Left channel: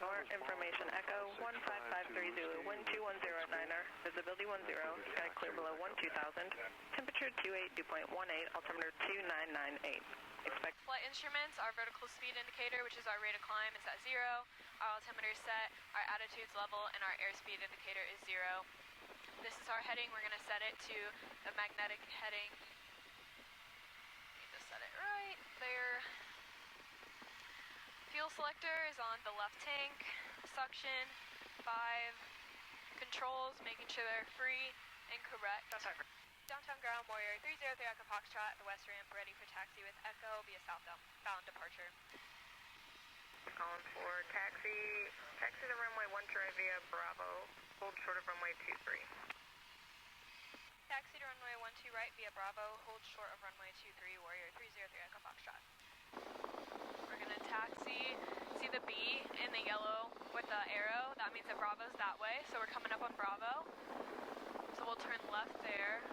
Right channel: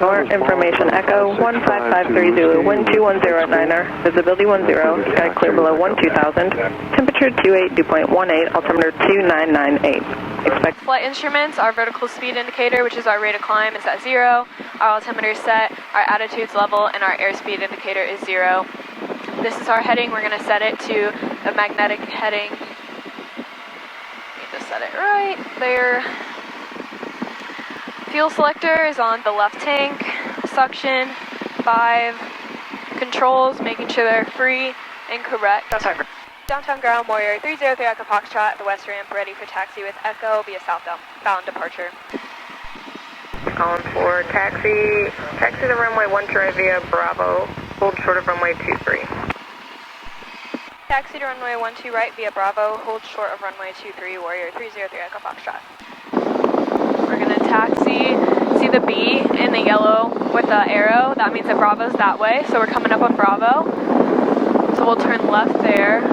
More information, Echo 1553 Zulu, wind 210 at 9er, visibility 10, sky clear below 12,000, temperature 28, dew point 18, altimeter 2998. Expect flight instruments, our vertical speed indicator, which is our rate of climb, is at 0, our altimeter is set, our attitude's level, and our airspeed indicator is 0. This is our heading. We're going to set it to a magnetic heading. Need to set it right there. Fuel selector is on the left tank. Suction, 5. Controls, making sure they're free and correct. Downtown ground, Warrior 303 Echo Foxtrot at the west ramp, ready for taxi with Echo via southbound departure. calling for taxi the runway 12 right via Bravo, hold short of runway 23. Taxi to runway 12 right via Bravo, hold short of runway 23, Warrior 303 Echo Foxtrot. We're going to taxi, see the B in the yellow with the arrow, that means that Bravo's that way, so we're coming up on Bravo. So we'll turn left there.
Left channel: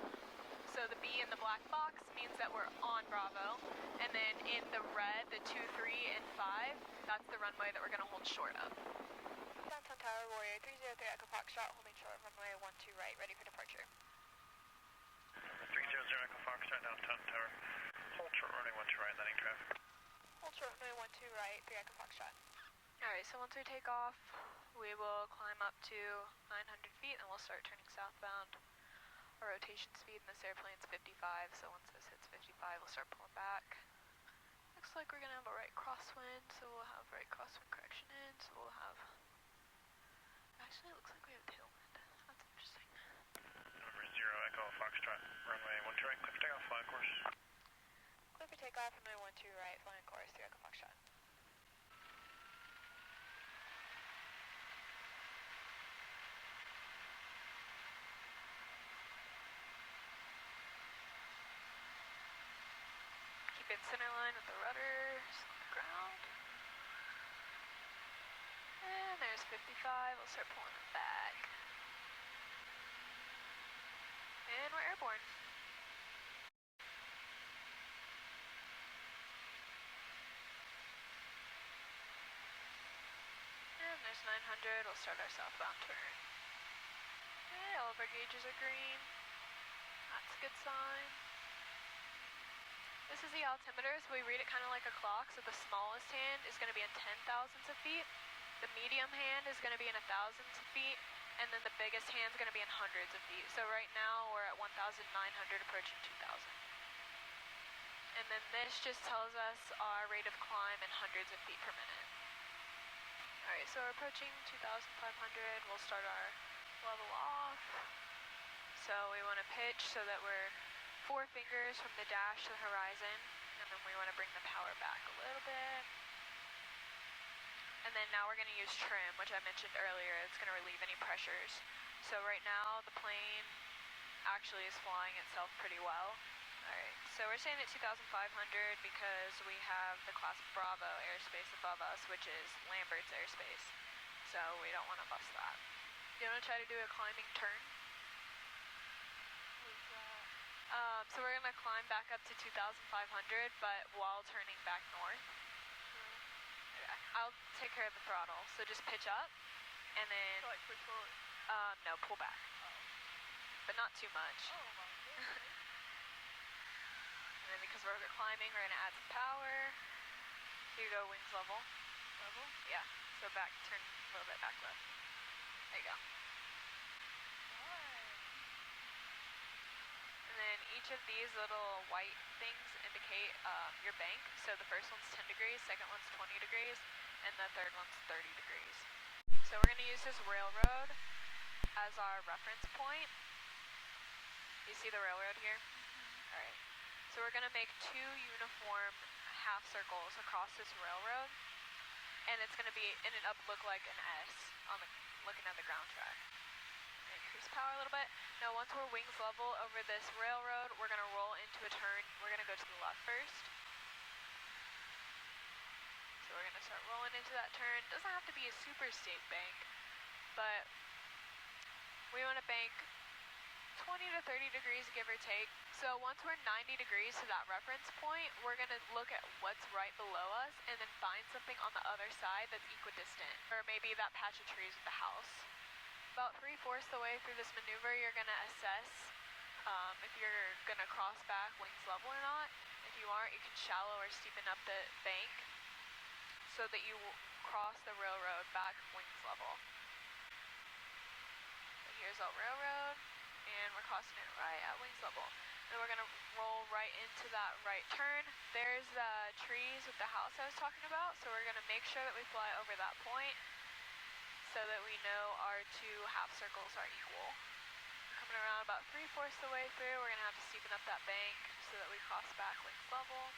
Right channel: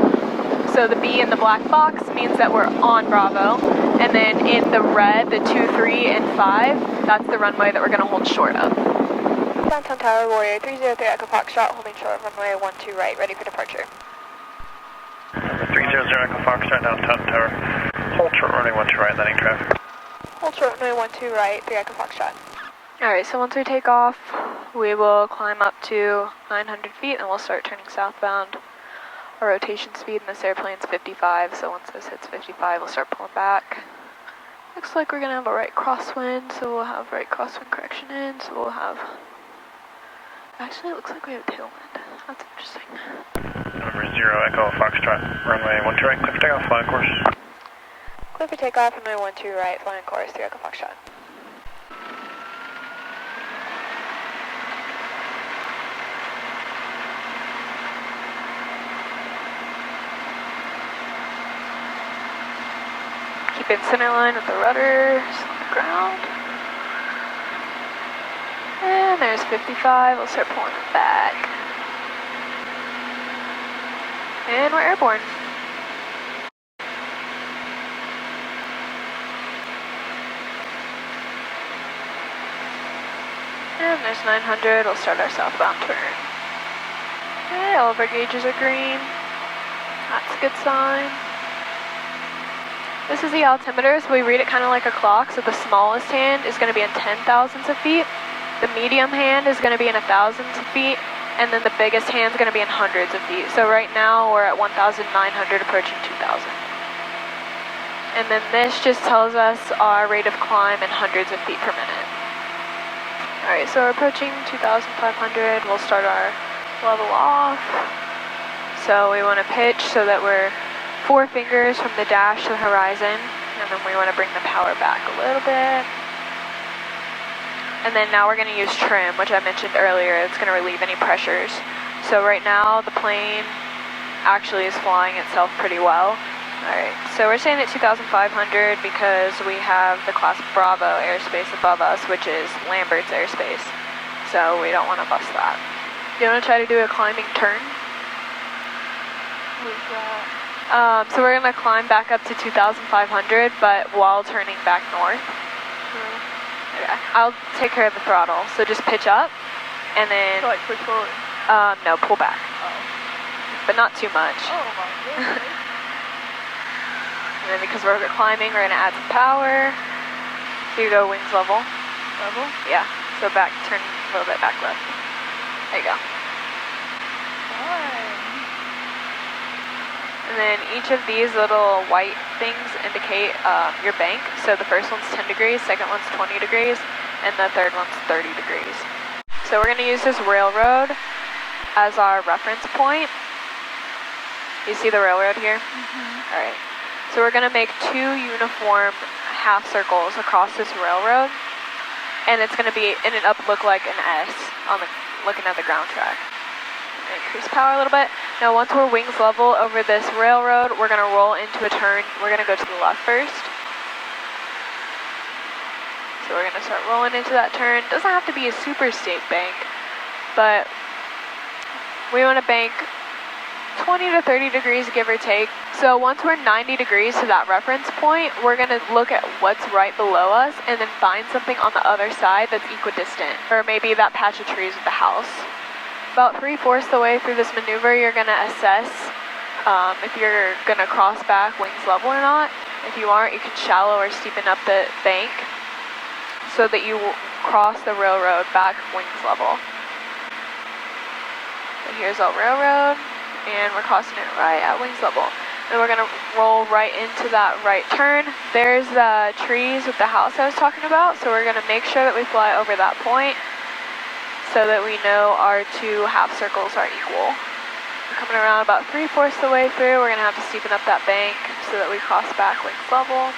So the B in the black box means that we're on Bravo, and then in the red, the 2, 3, and 5, that's the runway that we're going to hold short of. Downtown Tower, Warrior 303 Echo Foxtrot, holding short of runway 12 right, ready for departure. 300 Echo Foxtrot, downtown tower. Hold short runway 12 right, landing traffic. Hold short runway 12 right, 3 Echo Foxtrot. Alright, so once we take off, we will climb up to 900 feet and we'll start turning southbound. Our rotation speed in this airplane's 55, so once this hits 55, we'll start pulling back. Looks like we're going to have a right crosswind, so we'll have right crosswind correction in, so we'll have... Actually, it looks like we have tailwind. That's interesting. Number 0 Echo Foxtrot, runway 12 right, clear for takeoff, flying course. Clear for takeoff, runway 12 right, flying course, 3 Echo Foxtrot. Keep in center line with the rudders on the ground. And there's 55, we'll start pulling it back. And we're airborne. And there's 900, we'll start our southbound turn. Okay, all of our gauges are green. That's a good sign. This is the altimeter, so we read it kind of like a clock, so the smallest hand is going to be in 10,000ths of feet. The medium hand is going to be in 1,000ths of feet, and then the biggest hand is going to be in hundreds of feet. So right now we're at 1,900 approaching 2,000. And then this just tells us our rate of climb in hundreds of feet per minute. Alright, so we're approaching 2,500. We'll start our level off. So we want to pitch so that we're 4 fingers from the dash to the horizon, and then we want to bring the power back a little bit. And then now we're going to use trim, which I mentioned earlier. It's going to relieve any pressures. So right now the plane actually is flying itself pretty well. Alright, so we're staying at 2,500 because we have the class Bravo airspace above us, which is Lambert's airspace. So we don't want to bust that. You want to try to do a climbing turn? What's that? So we're going to climb back up to 2,500, but while turning back north. Okay. I'll take care of the throttle. So just pitch up, and then... So like push forward? No, pull back. Oh. But not too much. Oh my goodness. And then because we're climbing, we're going to add some power. So you go wings level. Level? Yeah. So back, turn a little bit back left. There you go. Fine. And then each of these little white things indicate your bank. So the first one's 10 degrees, second one's 20 degrees, and the third one's 30 degrees. So we're going to use this railroad as our reference point. You see the railroad here? Mm-hmm. All right. So we're going to make 2 uniform half circles across this railroad, and it's going to be in and up look like an S on the looking at the ground track. Increase power a little bit. Now once we're wings level over this railroad, we're going to roll into a turn. We're going to go to the left first. So we're going to start rolling into that turn. Doesn't have to be a super steep bank, but we want to bank 20 to 30 degrees, give or take. So once we're 90 degrees to that reference point, we're gonna look at what's right below us and then find something on the other side that's equidistant, or maybe that patch of trees with the house. About 3/4 the way through this maneuver, you're gonna assess if you're gonna cross back wings level or not. If you aren't, you can shallow or steepen up the bank so that you will cross the railroad back wings level. So here's our railroad, and we're crossing it right at wings level. And we're gonna roll right into that right turn. There's the trees with the house I was talking about, so we're gonna make sure that we fly over that point so that we know our two half circles are equal. We're coming around about 3/4 the way through. We're gonna have to steepen up that bank so that we cross back wings level.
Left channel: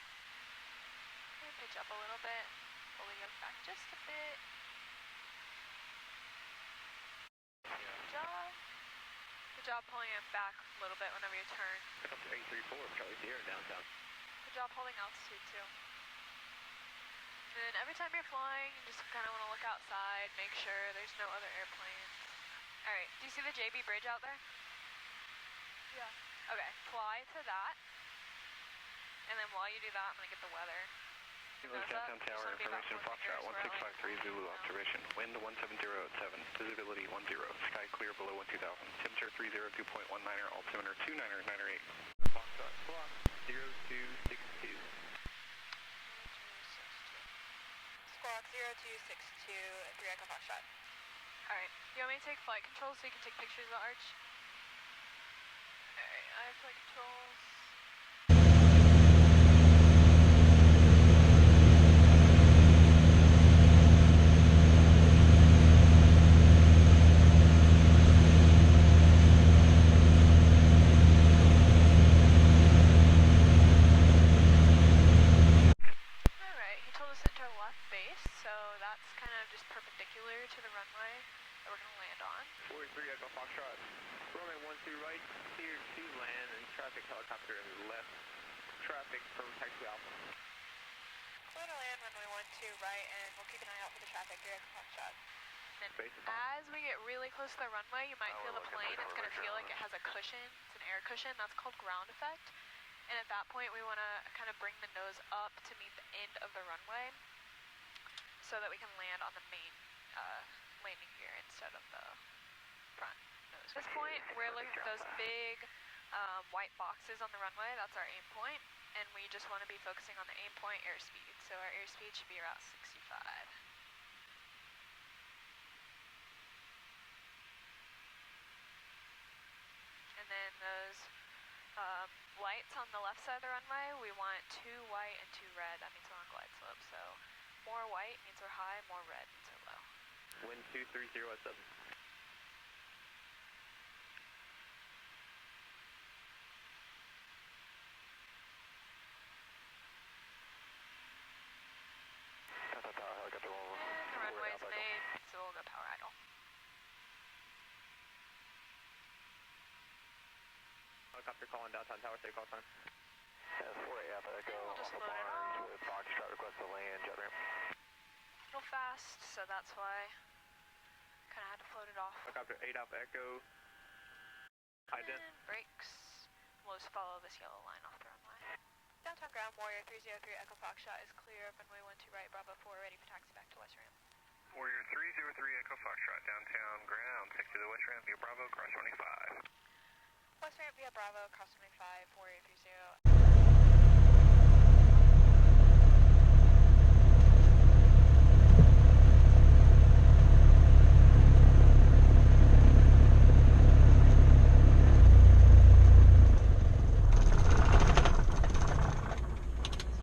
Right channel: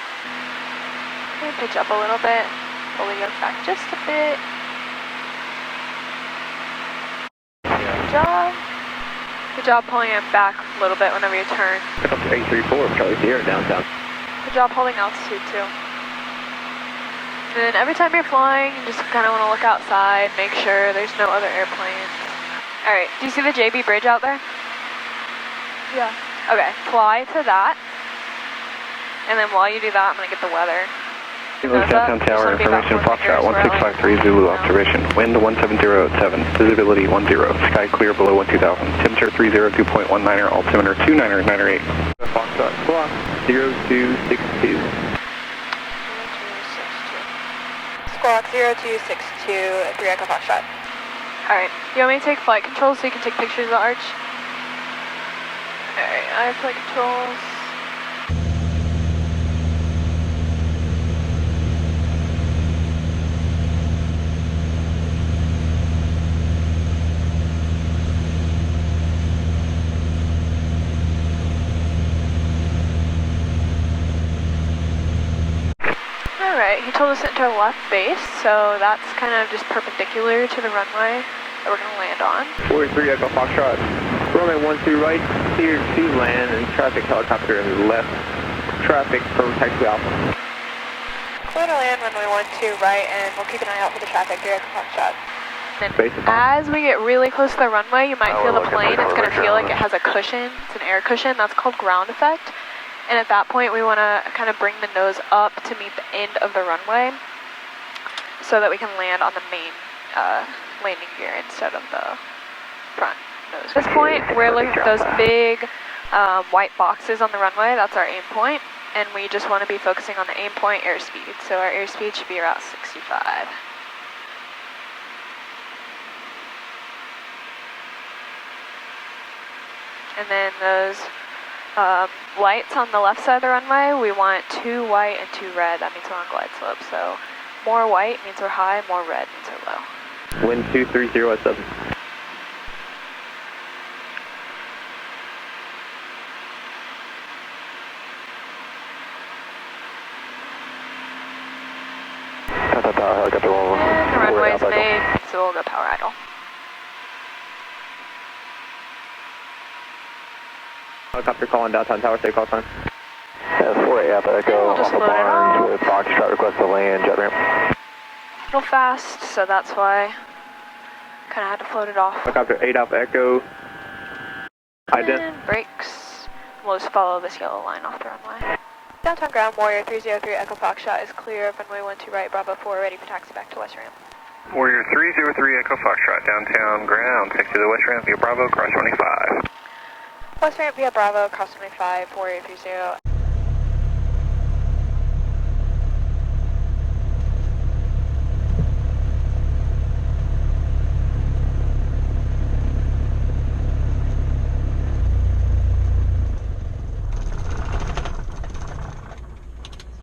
And pitch up a little bit. Pull the yoke back just a bit. Good job. Good job pulling it back a little bit whenever you turn. Pick up to 834, Charlie Sierra downtown. Good job holding altitude too. And then every time you're flying, you just kind of want to look outside, make sure there's no other airplanes. All right, do you see the JB bridge out there? Yeah. Okay, fly to that. And then while you do that, I'm gonna get the weather. Downtown Tower, information Foxtrot 1653 Zulu, observation. Wind 170 at 7, visibility 10, sky clear below 12,000, temperature 302.19er, altimeter 2998. Foxtrot, squawk 0262. Squawk 0262, 3 Echo Foxtrot. Alright, you want me to take flight control so you can take pictures of the arch? Alright, I have flight controls. Alright, he told us to enter left base, so that's kind of just perpendicular to the runway that we're going to land on. 43 Echo Foxtrot, runway 12 right, clear to land, and traffic helicopter left, traffic for taxi Alpha. Clear to land, runway 12 right, and we'll keep an eye out for the traffic here at Foxtrot. Then as we get really close to the runway, you might feel the plane. It's going to feel like it has a cushion. It's an air cushion. That's called ground effect. And at that point, we want to kind of bring the nose up to meet the end of the runway so that we can land on the main landing gear instead of the front nose. At this point, we're looking at those big white boxes on the runway. That's our aim point. And we just want to be focusing on the aim point airspeed. So our airspeed should be around 65. And then those lights on the left side of the runway, we want 2 white and 2 red. That means we're on glide slope. So more white means we're high, more red means we're low. Wind 230 at 7. And the runway's made, so we'll go power idle. Helicopter calling downtown tower, takeoff time. 48 Alpha Echo, We'll just Alpha load it Barnes up. with Foxtrot request to land, jet ramp. Real fast, so that's why kind of had to float it off. Helicopter 8 Alpha Echo. And brakes. We'll just follow this yellow line off the runway. Downtown ground, Warrior 303 Echo Foxtrot is clear of runway 12 right, Bravo 4, ready for taxi back to West Ramp. Warrior 303 Echo Foxtrot, downtown ground, take to the west ramp via Bravo, cross 25. West Ramp via Bravo, cross 25, Warrior 30.